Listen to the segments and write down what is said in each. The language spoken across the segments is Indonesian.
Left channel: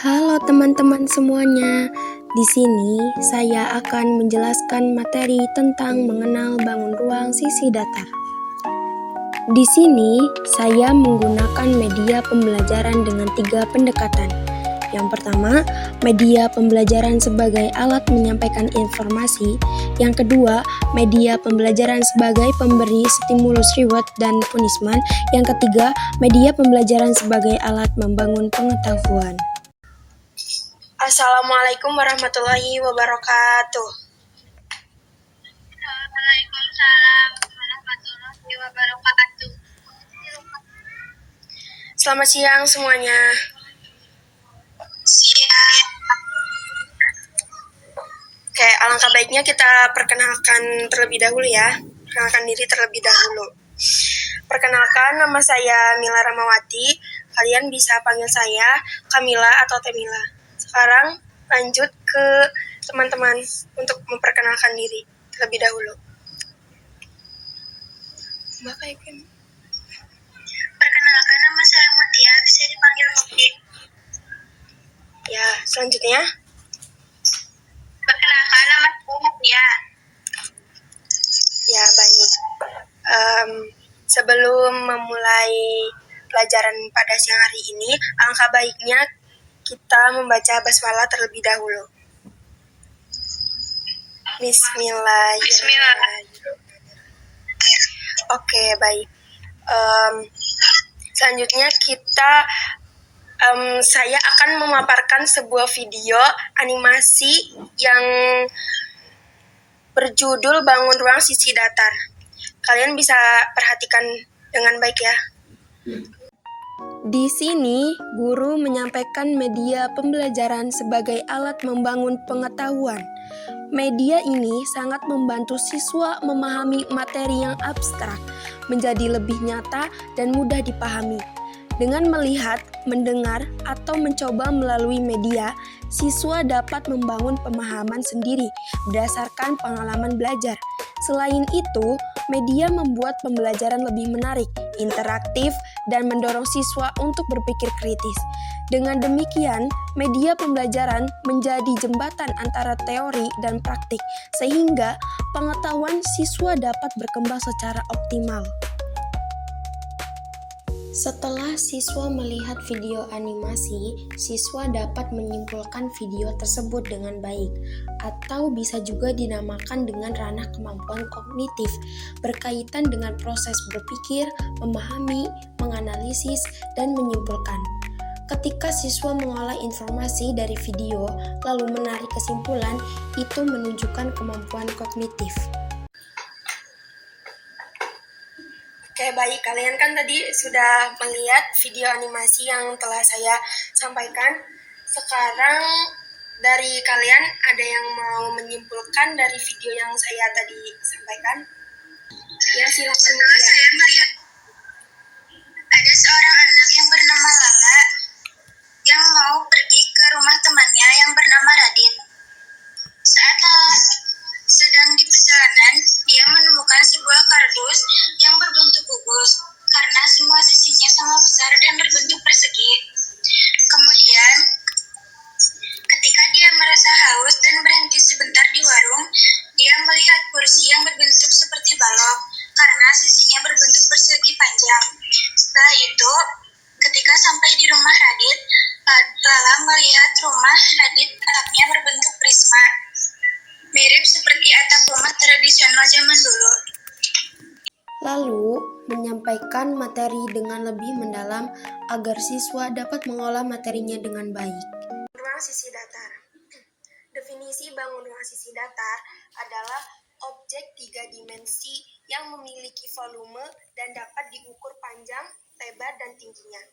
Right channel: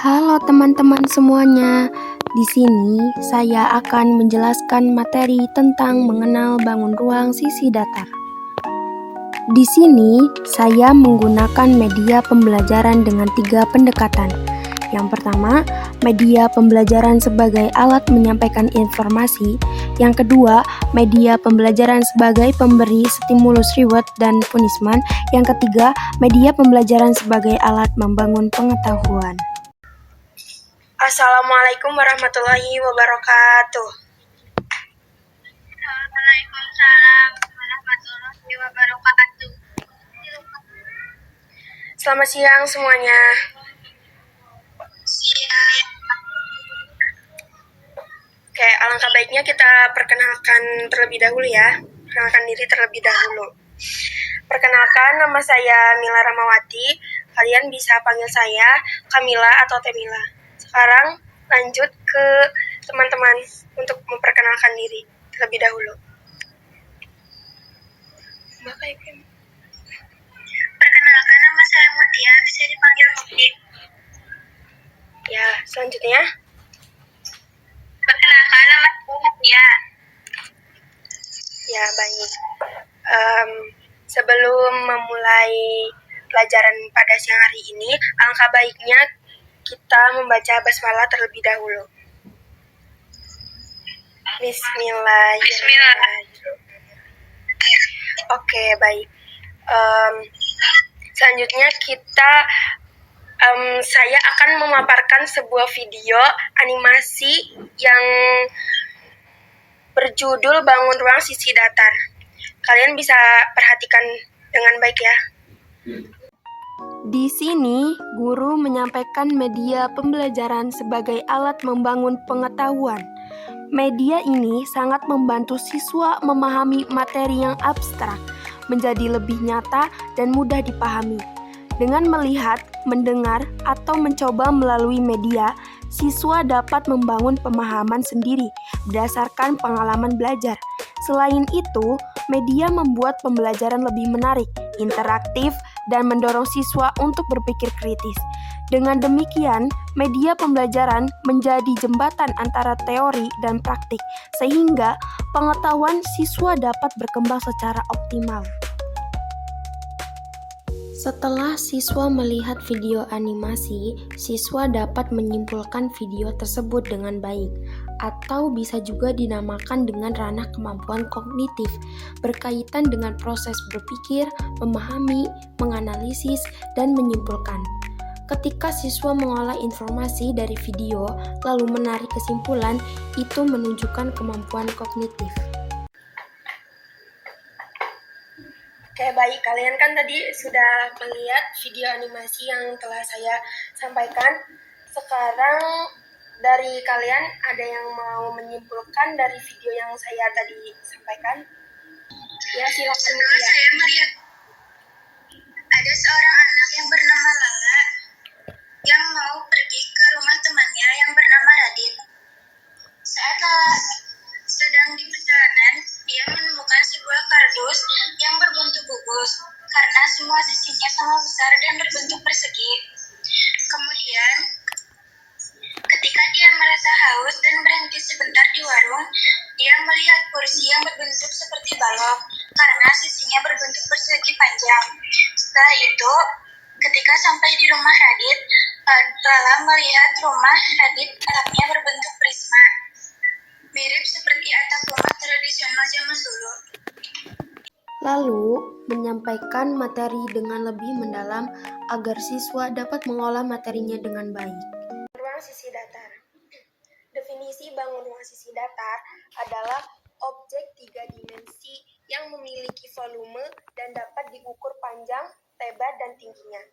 Halo teman-teman semuanya. Di sini saya akan menjelaskan materi tentang mengenal bangun ruang sisi datar. Di sini saya menggunakan media pembelajaran dengan 3 pendekatan. Yang pertama, media pembelajaran sebagai alat menyampaikan informasi. Yang kedua, media pembelajaran sebagai pemberi stimulus reward dan punishment. Yang ketiga, media pembelajaran sebagai alat membangun pengetahuan. Assalamualaikum warahmatullahi wabarakatuh. Waalaikumsalam warahmatullahi wabarakatuh. Selamat siang semuanya. Oke, alangkah baiknya kita perkenalkan terlebih dahulu ya. Perkenalkan diri terlebih dahulu. Perkenalkan, nama saya Mila Ramawati. Kalian bisa panggil saya Kamila atau Temila. Sekarang lanjut ke teman-teman untuk memperkenalkan diri terlebih dahulu. Perkenalkan, nama saya Mutia, bisa dipanggil Muti. Ya, selanjutnya. Perkenalkan, nama saya Mutia. Ya, baik. Sebelum memulai pelajaran pada siang hari ini, alangkah baiknya kita membaca basmalah terlebih dahulu. Bismillahirrahmanirrahim. Oke, baik. Selanjutnya saya akan memaparkan sebuah video animasi yang berjudul Bangun Ruang Sisi Datar. Kalian bisa perhatikan dengan baik ya. Di sini, guru menyampaikan media pembelajaran sebagai alat membangun pengetahuan. Media ini sangat membantu siswa memahami materi yang abstrak menjadi lebih nyata dan mudah dipahami. Dengan melihat, mendengar, atau mencoba melalui media, siswa dapat membangun pemahaman sendiri berdasarkan pengalaman belajar. Selain itu, media membuat pembelajaran lebih menarik, interaktif, dan mendorong siswa untuk berpikir kritis. Dengan demikian, media pembelajaran menjadi jembatan antara teori dan praktik, sehingga pengetahuan siswa dapat berkembang secara optimal. Setelah siswa melihat video animasi, siswa dapat menyimpulkan video tersebut dengan baik, atau bisa juga dinamakan dengan ranah kemampuan kognitif, berkaitan dengan proses berpikir, memahami, menganalisis, dan menyimpulkan. Ketika siswa mengolah informasi dari video, lalu menarik kesimpulan, itu menunjukkan kemampuan kognitif. Oke, baik. Kalian kan tadi sudah melihat video animasi yang telah saya sampaikan. Sekarang dari kalian ada yang mau menyimpulkan dari video yang saya tadi sampaikan? Ya, silakan. Setelah saya melihat ada seorang anak yang bernama Lala yang mau pergi ke rumah temannya yang bernama Radit. Saat Lala sedang di perjalanan, dia menemukan sebuah kardus yang berbentuk kubus karena semua sisinya sama besar dan berbentuk persegi. Kemudian, ketika dia merasa haus dan berhenti sebentar di warung, dia melihat kursi yang berbentuk seperti balok karena sisinya berbentuk persegi panjang. Setelah itu, ketika sampai di rumah Radit, Lala melihat rumah Radit atapnya berbentuk prisma, mirip seperti atap rumah tradisional zaman dulu. Lalu, menyampaikan materi dengan lebih mendalam agar siswa dapat mengolah materinya dengan baik. Ruang sisi datar. Definisi bangun ruang sisi datar adalah objek 3 dimensi yang memiliki volume dan dapat diukur panjang, lebar, dan tingginya.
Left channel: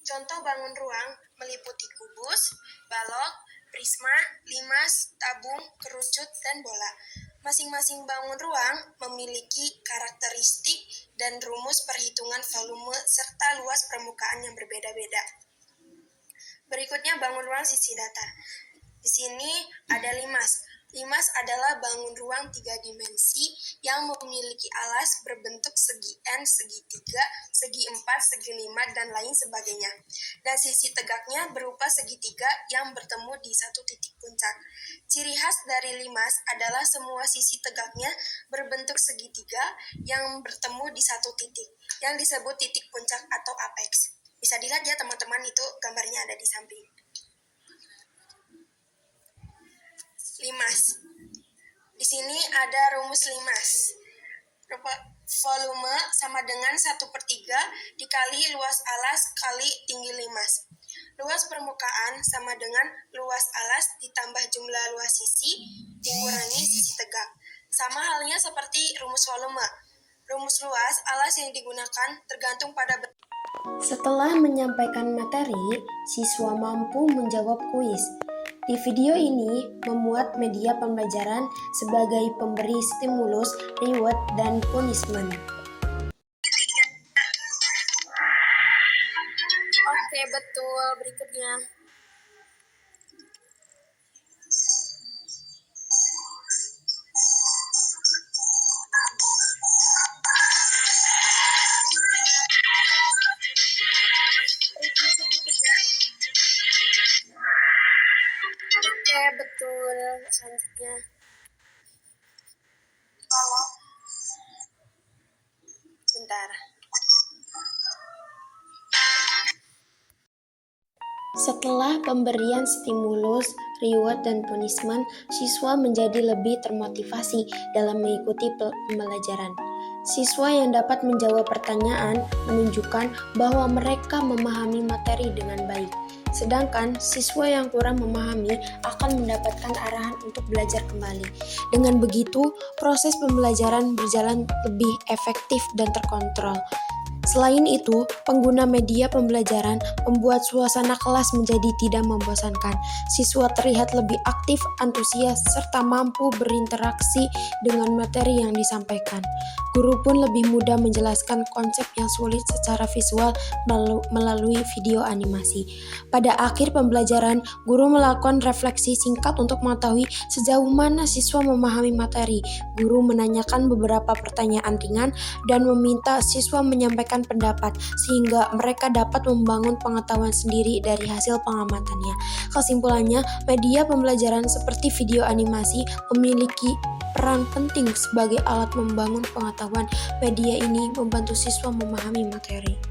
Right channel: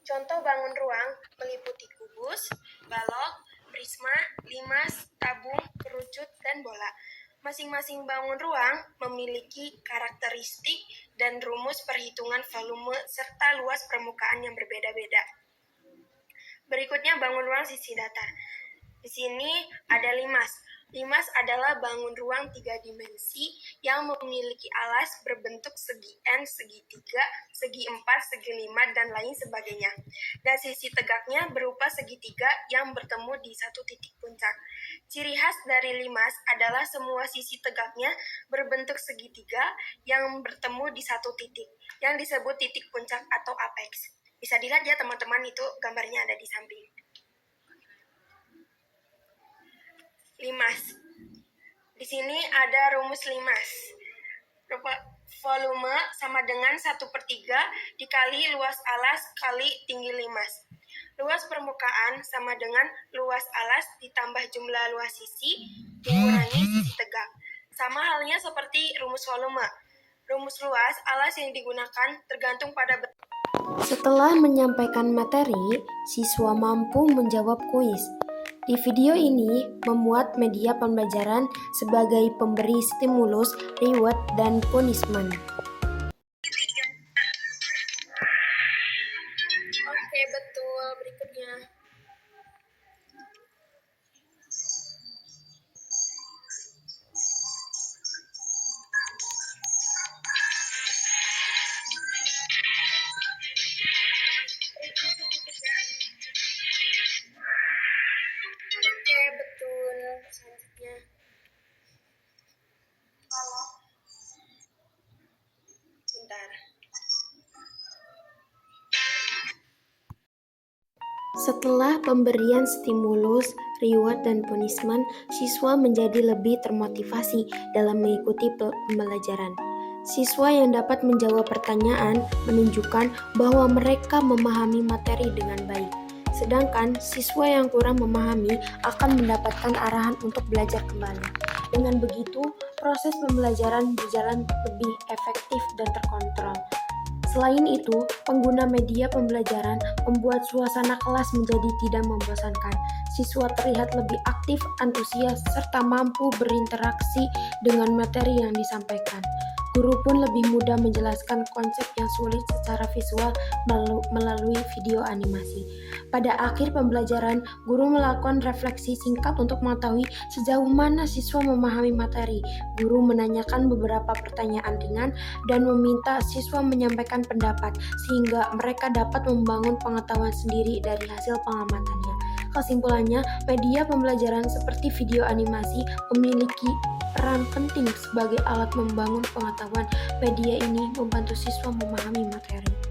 Contoh bangun ruang meliputi kubus, balok, prisma, limas, tabung, kerucut, dan bola. Masing-masing bangun ruang memiliki karakteristik dan rumus perhitungan volume serta luas permukaan yang berbeda-beda. Berikutnya bangun ruang sisi datar. Di sini ada limas. Limas adalah bangun ruang 3 dimensi yang memiliki alas berbentuk segi N, segi 3, segi 4, segi 5, dan lain sebagainya. Dan sisi tegaknya berupa segitiga yang bertemu di satu titik puncak. Ciri khas dari limas adalah semua sisi tegaknya berbentuk segitiga yang bertemu di satu titik, yang disebut titik puncak atau apex. Bisa dilihat ya teman-teman, itu gambarnya ada di samping. Limas. Di sini ada rumus limas. Volume sama dengan 1/3 dikali luas alas kali tinggi limas. Luas permukaan sama dengan luas alas ditambah jumlah luas sisi dikurangi sisi tegak. Sama halnya seperti rumus volume. Rumus luas alas yang digunakan tergantung pada Setelah menyampaikan materi, siswa mampu menjawab kuis. Di video ini, memuat media pembelajaran sebagai pemberi stimulus, reward, dan punishment. Oke, betul. Berikutnya. Oke, betul. Selanjutnya. Bentar. Setelah pemberian stimulus, reward, dan punishment, siswa menjadi lebih termotivasi dalam mengikuti pembelajaran. Siswa yang dapat menjawab pertanyaan menunjukkan bahwa mereka memahami materi dengan baik. Sedangkan siswa yang kurang memahami akan mendapatkan arahan untuk belajar kembali. Dengan begitu, proses pembelajaran berjalan lebih efektif dan terkontrol. Selain itu, pengguna media pembelajaran membuat suasana kelas menjadi tidak membosankan. Siswa terlihat lebih aktif, antusias, serta mampu berinteraksi dengan materi yang disampaikan. Guru pun lebih mudah menjelaskan konsep yang sulit secara visual melalui video animasi. Pada akhir pembelajaran, guru melakukan refleksi singkat untuk mengetahui sejauh mana siswa memahami materi. Guru menanyakan beberapa pertanyaan ringan dan meminta siswa menyampaikan pendapat sehingga mereka dapat membangun pengetahuan sendiri dari hasil pengamatannya. Kesimpulannya, media pembelajaran seperti video animasi memiliki peran penting sebagai alat membangun pengetahuan. Media ini membantu siswa memahami materi.